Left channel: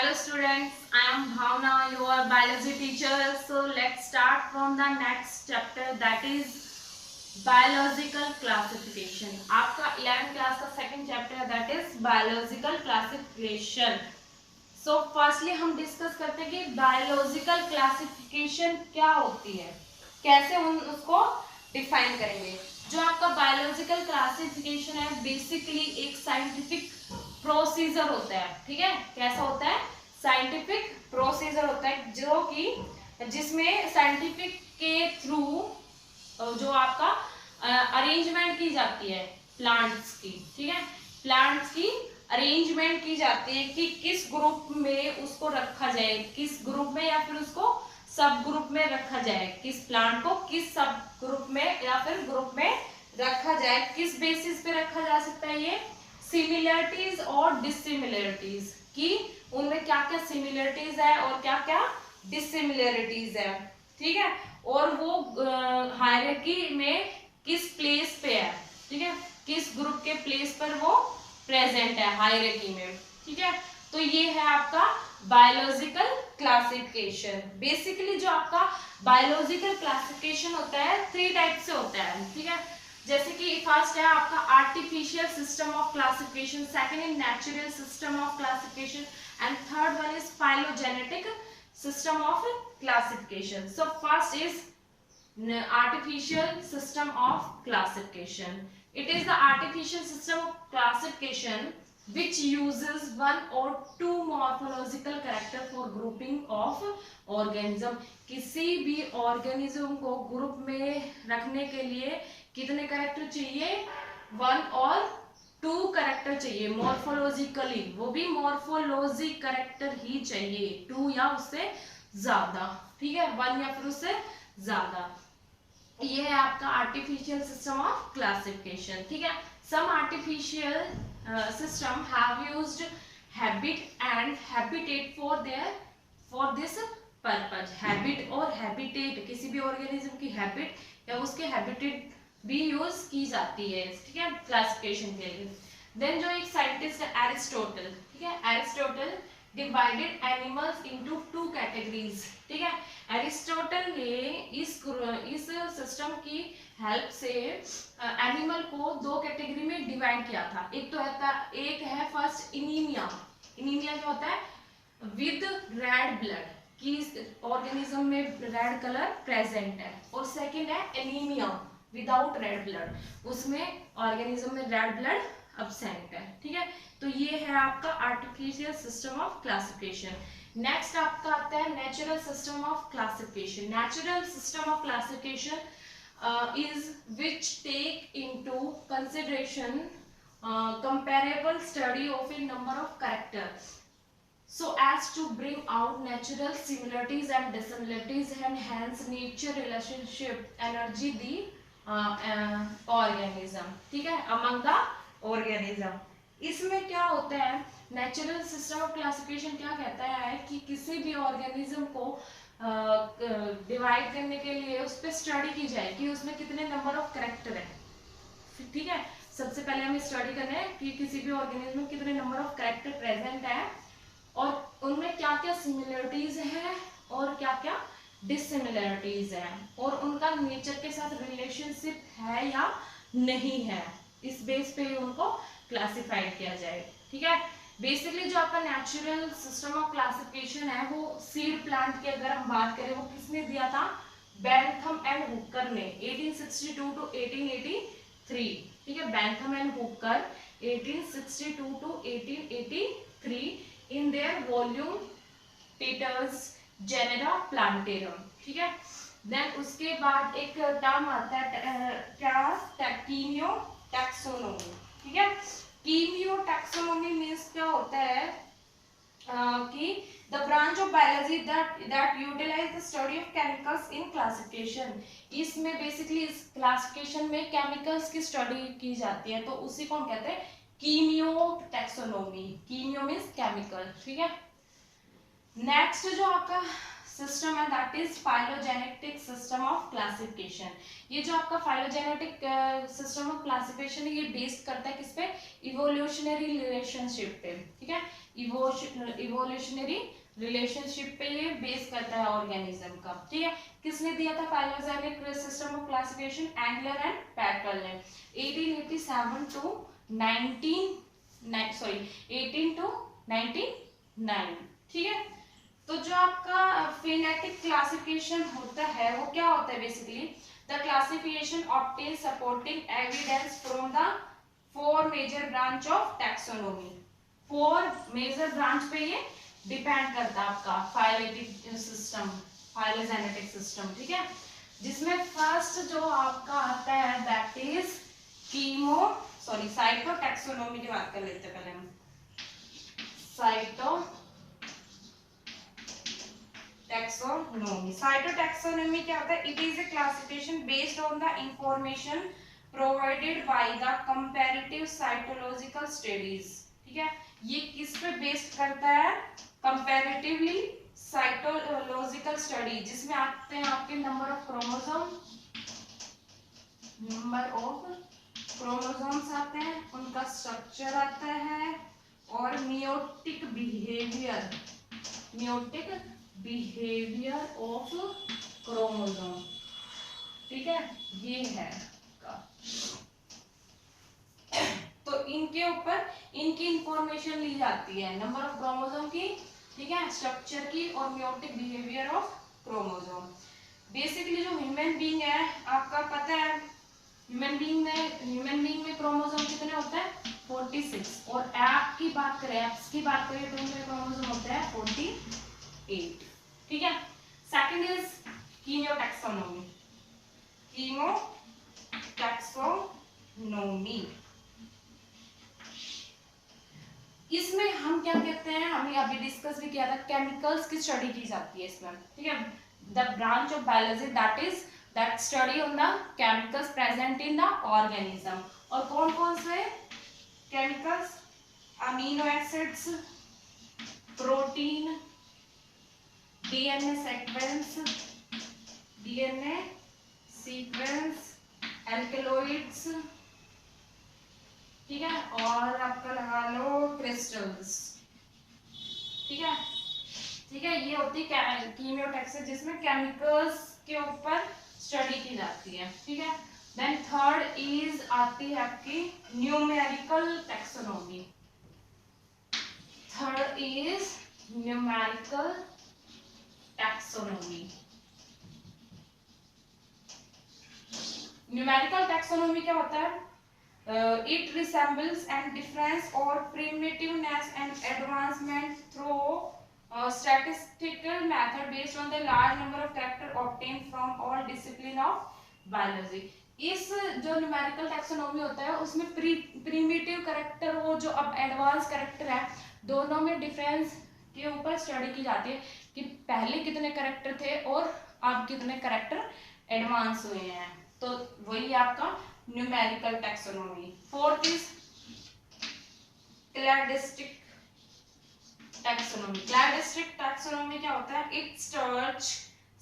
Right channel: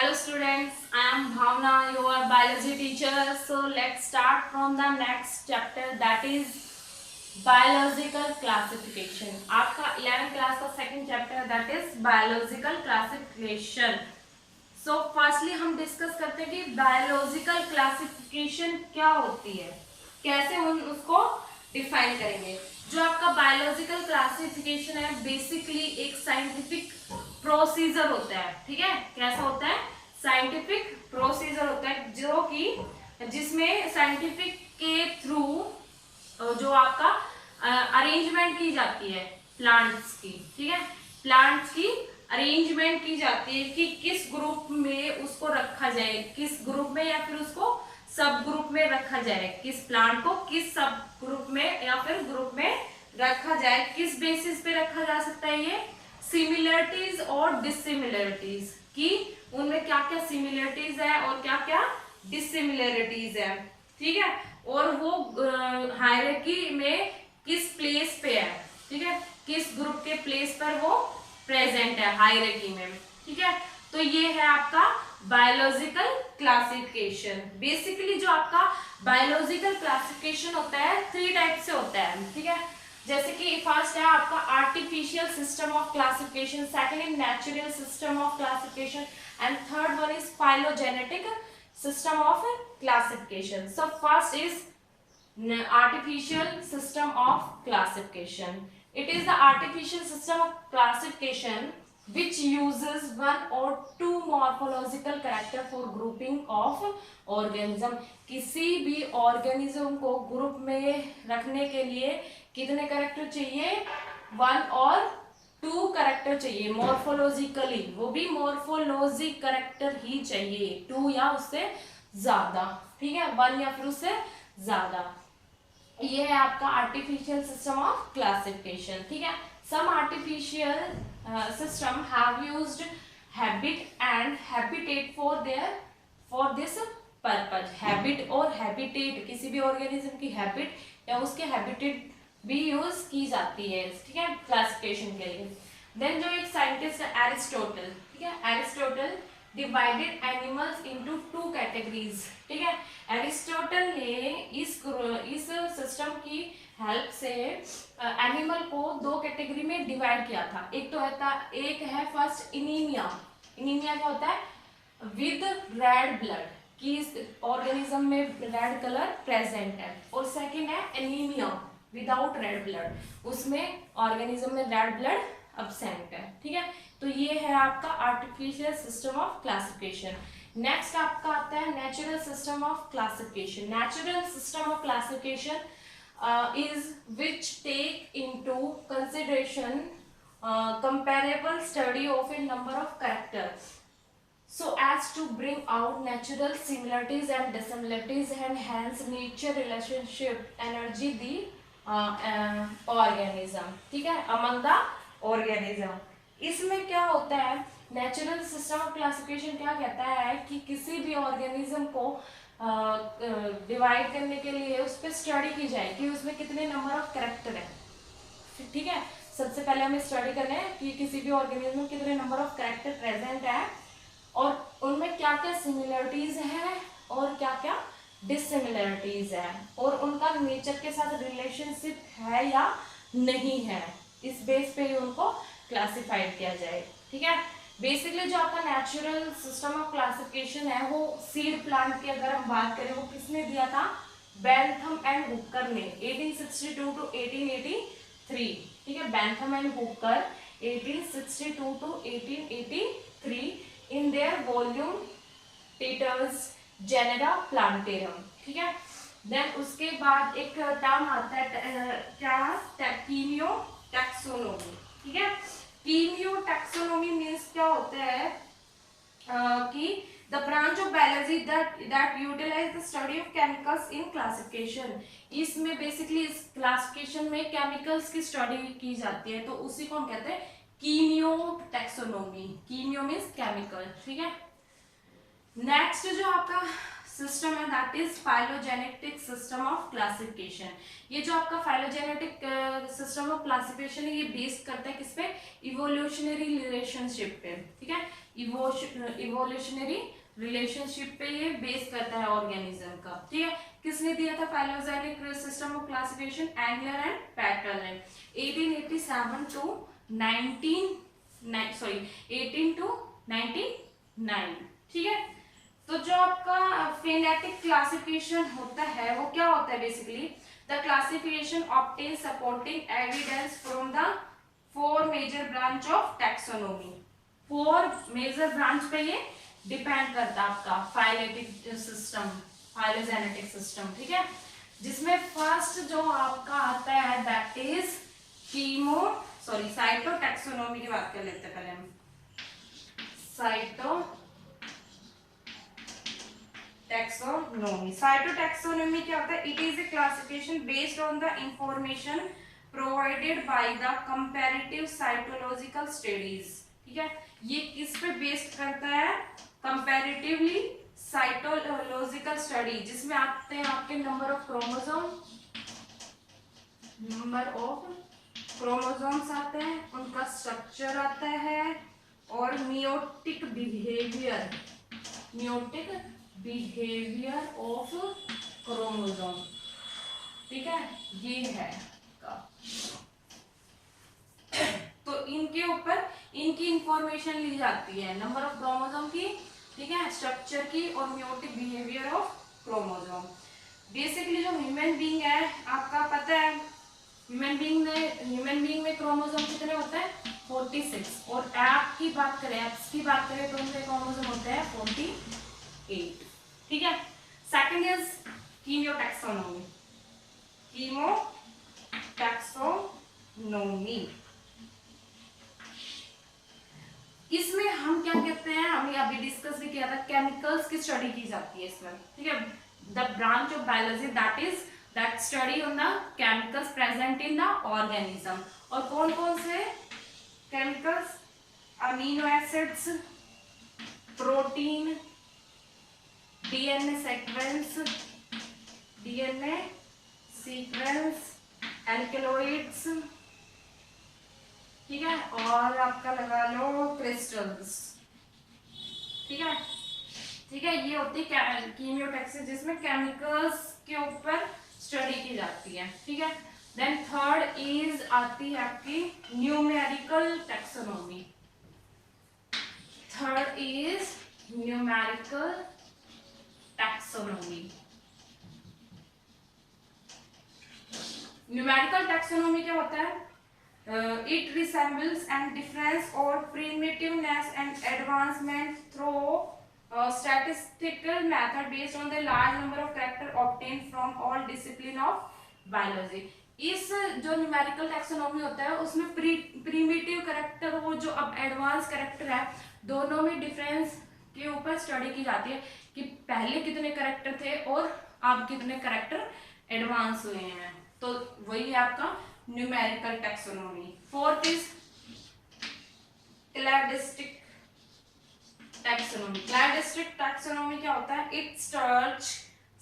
Hello students, I am Bhavna, your biology teacher. So let's start from the next chapter, that is biological classification. आपका 11th class का second chapter that is biological classification. So firstly हम discuss करते हैं कि biological classification क्या होती है, कैसे हम उसको define करेंगे. जो आपका biological classification है basically एक scientific प्रोसीजर होता है. ठीक है, कैसा होता है? साइंटिफिक प्रोसीजर होता है जो कि जिसमें साइंटिफिक के थ्रू जो आपका अरेंजमेंट की जाती है प्लांट्स की. ठीक है, प्लांट्स की अरेंजमेंट की जाती है कि किस ग्रुप में उसको रखा जाए, किस ग्रुप में या फिर उसको सब ग्रुप में रखा जाए, किस प्लांट को किस सब ग्रुप में या फिर ग्रुप में रखा जाए, किस बेसिस पे रखा जा सकता है. ये सिमिलरिटीज और डिसिमिलरिटीज की उनमें क्या क्या सिमिलरिटीज है और क्या क्या डिसिमिलरिटीज है. ठीक है, और वो हायरार्की में किस प्लेस पे है. ठीक है, किस ग्रुप के प्लेस पर वो प्रेजेंट है हायरार्की में. ठीक है, तो ये है आपका बायोलॉजिकल क्लासिफिकेशन. बेसिकली जो आपका बायोलॉजिकल क्लासिफिकेशन होता है 3 टाइप से होता है. ठीक है, जैसे कि फर्स्ट है आपका artificial system of classification, second is natural system of classification and third one is phylogenetic system of classification. So first is artificial system of classification. It is the artificial system of classification which uses one or two morphological character for grouping of organism. किसी भी organism को group में रखने के लिए कितने character चाहिए? 1 और 2 करेक्टर चाहिए. मॉर्फोलॉजिकली वो भी मॉर्फोलॉजी करेक्टर ही चाहिए, 2 या उससे ज्यादा. ठीक है, 1 या फिर उससे ज्यादा. ये है आपका आर्टिफिशियल सिस्टम ऑफ क्लासिफिकेशन. ठीक है, some artificial system have used habit and habitat for this purpose. Habit और हैबिटेट, किसी भी ऑर्गेनिज्म की हैबिट या उसके हैबिटेट भी यूज की जाती है. ठीक है, क्लासिफिकेशन के लिए. देन जो एक साइंटिस्ट है एरिस्टोटल. ठीक है, Aristotle divided animals into 2 categories. ठीक है, एरिस्टोटल ने इस सिस्टम की हेल्प से एनिमल को 2 कैटेगरी में डिवाइड किया था. एक है फर्स्ट इनीमिया. इनीमिया क्या होता है? विद रेड ब्लड, कि ऑर्गेनिज्म में रेड कलर प्रेजेंट है. और सेकंड है एनीमिया विदाउट रेड ब्लड, उसमें ऑर्गेनिज्म में रेड ब्लड अब्सेंट है. ठीक है, तो ये है आपका artificial system of classification. Next आपका आता है natural system of classification. Natural system of classification is which take into consideration comparable study of a number of characters so as to bring out natural similarities and dissimilarities and hence nature relationship energy the organism. ठीक है, among the organism. इसमें क्या होता है? Natural system of classification क्या कहता है कि किसी भी ऑर्गेनिज्म को डिवाइड करने के लिए उस पर स्टडी की जाए कि उसमें कितने नंबर ऑफ कैरेक्टर है. ठीक है, सबसे पहले हमें स्टडी करना है कि किसी भी ऑर्गेनिज्म में कितने नंबर ऑफ कैरेक्टर प्रेजेंट है और उनमें क्या क्या सिमिलरिटीज है और क्या क्या डिसिमिलरिटीज है और उनका नेचर के साथ रिलेशनशिप है या नहीं है. इस बेस पे ही उनको क्लासिफाइड किया जाए. ठीक है, बेसिकली जो आपका नेचुरल सिस्टम ऑफ क्लासिफिकेशन है वो सीड प्लांट की अगर हम बात करें वो किसने दिया था? बेंथम एंड हुकर ने 1862 टू 1883. ठीक है, Bentham and Hooker 1862 to 1883 in their volume titled genera plantarum. ठीक है, देन उसके बाद एक टर्म आता है क्या? Chemo taxonomy. ठीक है, कीमियो टैक्सोनोमी मीन्स क्या होता है कि the branch of biology that utilize the study of chemicals in classification. इसमें बेसिकली इस क्लासिफिकेशन में केमिकल्स की स्टडी की जाती है, तो उसी को हम कहते हैं chemo taxonomy. Chemo means chemical. ठीक है, नेक्स्ट जो आपका सिस्टम है that is phylogenetic system of classification. ये जो आपका फाइलोजेनेटिक सिस्टम ऑफ क्लासिफिकेशन है ये बेस्ड करता है किस पे, इवोल्यूशनरी रिलेशनशिप पे, ठीक है, इवोल्यूशनरी रिलेशनशिप पे ये बेस करता है ऑर्गेनिज्म का, ठीक है। किसने दिया था phylogenetic system of classification, Engler and पैटर्न ने 1887 टू 18 टू 99, ठीक है। तो जो आपका फेनेटिक क्लासिफिकेशन होता है वो क्या होता है, basically the classification obtain supporting evidence from the 4 major branch of taxonomy. 4 major branch पे ये डिपेंड करता है आपका फाइलेटिक सिस्टम, फाइलोजेनेटिक सिस्टम, ठीक है। जिसमें फर्स्ट जो आपका आता है दैट इज साइटोटैक्सोनॉमी की बात कर लेते हैं पहले हम। साइटोटैक्सोनॉमी क्या होता है, it is a classification based on the information provided by the comparative cytological studies, ठीक है। ये किस पे बेस्ड करता है, कंपैरेटिवली साइटोलॉजिकल स्टडी, जिसमें आते हैं आपके नंबर ऑफ क्रोमोसोम्स आते हैं, उनका स्ट्रक्चर आता है और मियोटिक बिहेवियर ऑफ क्रोमोसोम, ठीक है, ये है का। तो इनके ऊपर इनकी इंफॉर्मेशन ली जाती है, नंबर ऑफ क्रोमोसोम की, ठीक है, स्ट्रक्चर की और meiotic behaviour of chromosome. Basically जो ह्यूमन बीइंग है आपका पता है, ह्यूमन बीइंग में क्रोमोसोम कितने होते हैं, 46, और एप्स की बात करें तो उनके क्रोमोसोम होते हैं 48, ठीक है। Second is chemotaxonomy. इसमें हम क्या कहते हैं, हमने अभी डिस्कस भी किया था, केमिकल्स की स्टडी की जाती है इसमें, ठीक है। The branch of biology that study on the chemicals present in the organism. और कौन कौन से chemicals, amino acids, protein, DNA sequence, alkaloids, ठीक है, और आपका लगा लो क्रिस्टल्स, ठीक है, ये होती है कीमियोटैक्सिस, जिसमें केमिकल्स के ऊपर स्टडी की जाती है, ठीक है। देन थर्ड इज आती है आपकी न्यूमेरिकल टैक्सोनॉमी। न्यूमेरिकल टैक्सोनॉमी क्या होता है, it resembles and difference or primitiveness and advancement through statistical method based on the large number of character obtained from all discipline of biology। इस जो numerical taxonomy होता है उसमें प्रीमिटिव कैरेक्टर, वो जो अब एडवांस कैरेक्टर है, दोनों में डिफरेंस के ऊपर स्टडी की जाती है कि पहले कितने कैरेक्टर थे और अब कितने कैरेक्टर एडवांस हुए हैं। तो वही आपका numerical taxonomy. Fourth is cladistic taxonomy क्या होता है, it stretch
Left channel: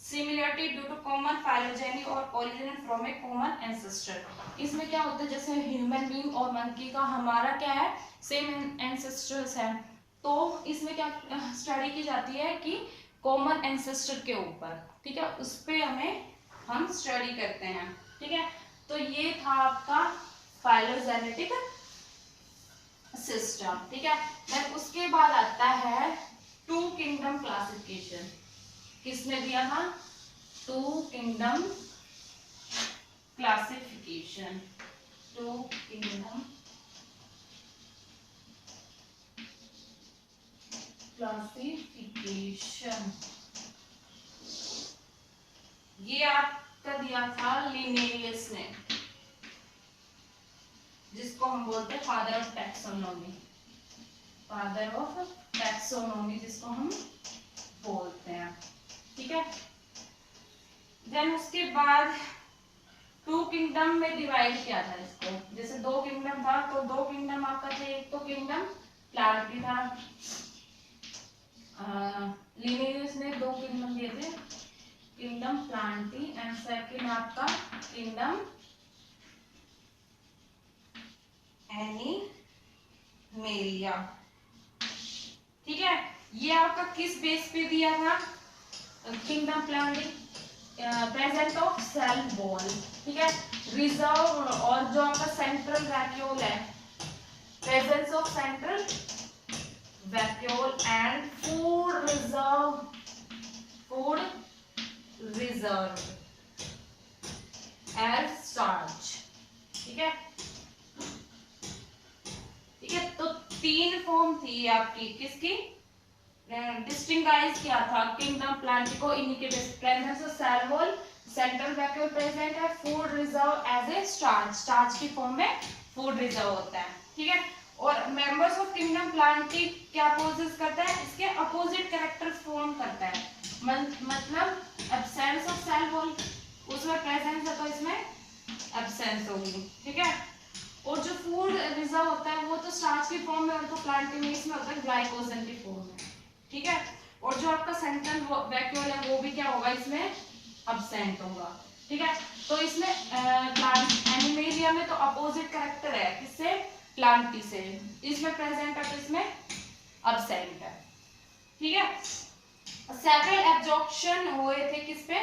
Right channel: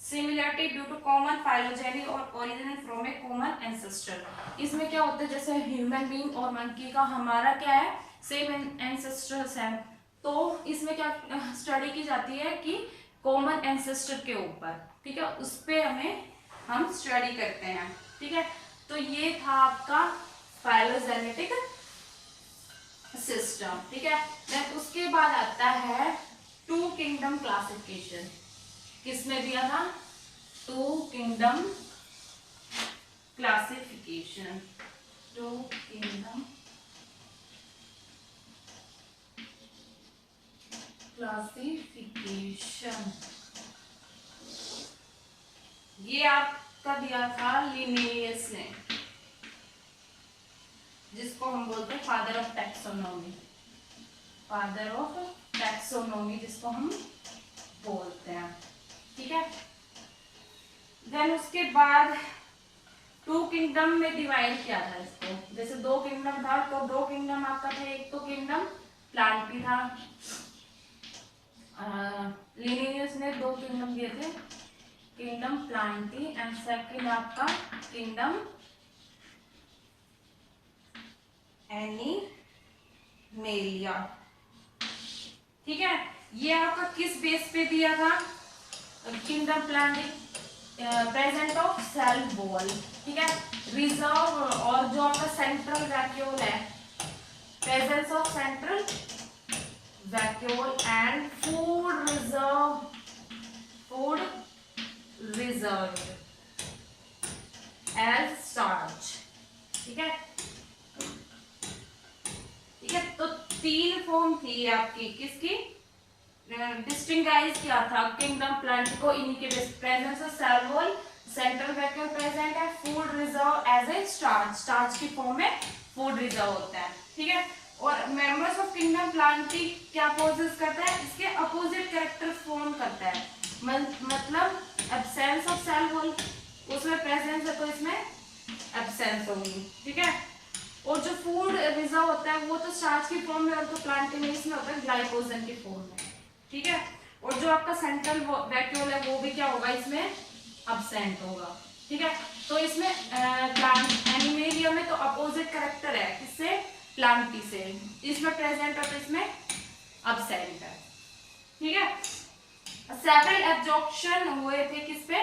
similarity due to common phylogeny और origin from a common ancestor. इसमें क्या होता है, जैसे ह्यूमन बीइंग और मंकी का हमारा क्या है, सेम एंसेस्टर्स है, तो इसमें क्या स्टडी की जाती है कि कॉमन एंसेस्टर के ऊपर, ठीक है, उस पे हम स्टडी करते हैं, ठीक है। तो ये था आपका फाइलोजेनेटिक सिस्टम, ठीक है। देन उसके बाद आता है 2 किंगडम क्लासिफिकेशन। किसमें दिया था, 2 किंगडम क्लासिफिकेशन। ये आपका दिया था लिनेयस ने, जिसको हम बोलते हैं फादर ऑफ टैक्सोनॉमी जिसको हम बोलते हैं, ठीक है। देन उसके बाद 2 किंगडम में डिवाइड किया था इसको, जैसे 2 किंगडम था तो 2 किंगडम आपका था, एक तो किंगडम प्लांट भी था, लिनेयस ने 2 किंगडम दिए थे किंगडम प्लांटी एंड सेकंड आपका किंगडम एनिमेलिया। ठीक है, ये आपका किस बेस पे दिया था? Kingdom plantae present of cell wall, ठीक है, रिजर्व और जो आपका सेंट्रल वैक्यूल है, presence of central vacuole and food reserve as starch. ठीक है, ठीक है, तो तीन फॉर्म थी आपकी किसकी? डिस्टिंगाइज किया था किंगडम प्लांटी को इन्हीं के presence of cell wall, central vacuole present है, food reserve as a starch, starch की फॉर्म में फूड रिजर्व होता है। ठीक है, और मेंबर्स ऑफ किंगडम प्लांटी क्या पोजेस करता है? इसके अपोजिट कैरेक्टर फॉर्म करता है, मतलब एब्सेंस ऑफ सेल वॉल, उसमें प्रेजेंस है तो इसमें एब्सेंस होगी। ठीक है, और जो फूड रिजर्व होता है वो तो स्टार्च की फॉर्म में और तो प्लांटी में इसमें होता है ग्लाइकोजन की फॉर्म में। ठीक है, और जो आपका सेंट्रल वैक्यूल है वो भी क्या होगा? इसमें एब्सेंट होगा। ठीक है, तो इसमें प्लांट एनिमेलिया में तो अपोजिट कैरेक्टर है, किससे? प्लांटी से, इसमें प्रेजेंट है तो इसमें एब्सेंट है। ठीक है, सेवरल ऑब्जेक्शन हुए थे किस पे?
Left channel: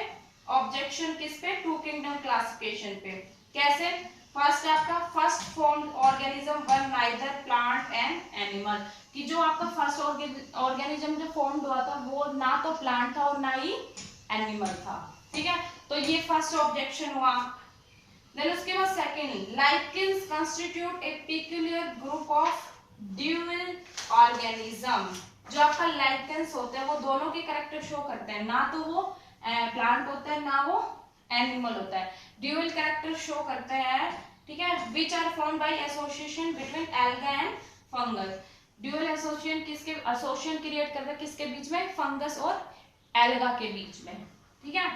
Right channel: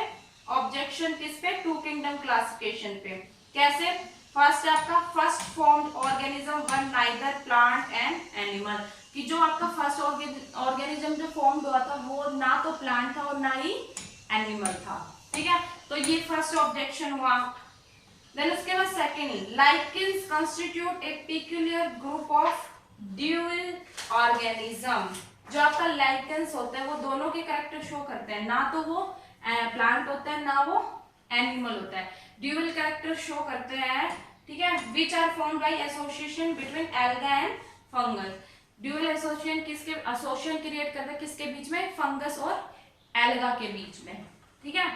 ऑब्जेक्शन किस पे? टू किंगडम क्लासिफिकेशन पे। कैसे? फर्स्ट आपका first formed organism were neither plant and animal, कि जो आपका फर्स्ट ऑर्गेनिज्म जो फॉर्म्ड हुआ था वो ना तो प्लांट था और ना ही एनिमल था। ठीक है, तो ये फर्स्ट ऑब्जेक्शन हुआ। देन उसके बाद second, lichens constitute A peculiar group of dual organism. जो आपका लाइकेंस होता है वो दोनों के कैरेक्टर शो करते हैं, ना तो वो प्लांट होता है ना वो एनिमल होता है, ड्यूअल कैरेक्टर शो करते हैं। ठीक है, which are formed by association between alga and fungus. Dual association किसके एसोसिएशन क्रिएट करता है? किसके बीच में? फंगस और एल्गा के बीच में। ठीक है,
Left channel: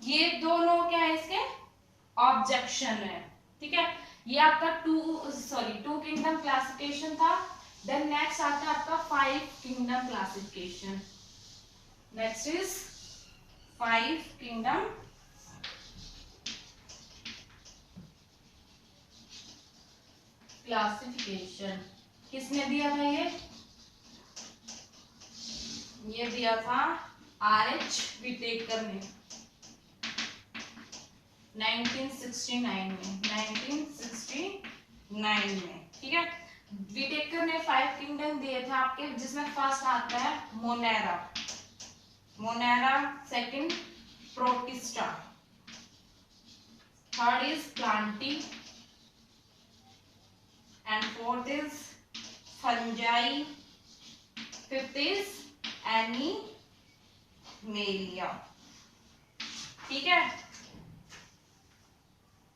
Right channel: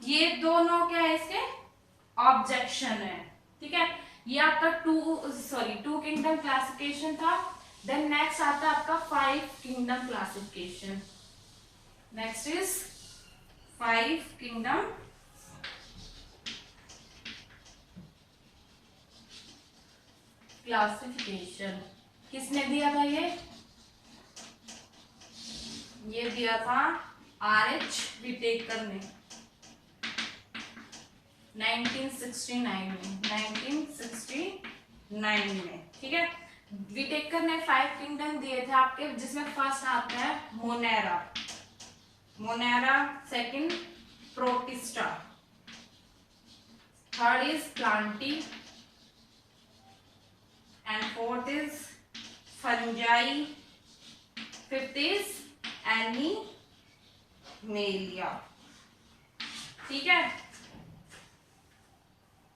ये दोनों क्या है? इसके ऑब्जेक्शन है। ठीक है, ये आपका टू किंगडम क्लासिफिकेशन था। देन नेक्स्ट आता है आपका 5 kingdom classification. Next is 5 kingdom classification. किसने दिया था ये दिया था R.H. विटेकर ने 1969 में। ठीक है, विटेकर ने 5 किंगडम दिए थे आपके, जिसमें फर्स्ट आता है Monera, second protista, third is Plantae and fourth is fungi, fifth is animalia. ठीक है,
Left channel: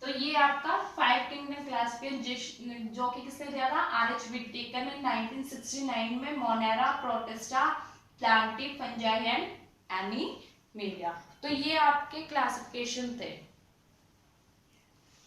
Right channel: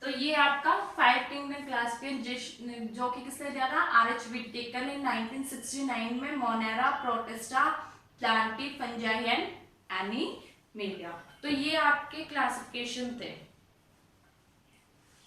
तो ये आपका 5 किंगडम क्लासिफिकेशन जो कि किसने दिया था? R.H. विटेकर ने 1969 में Monera, protista, Plantae, fungi and animalia. तो ये आपके क्लासिफिकेशन थे।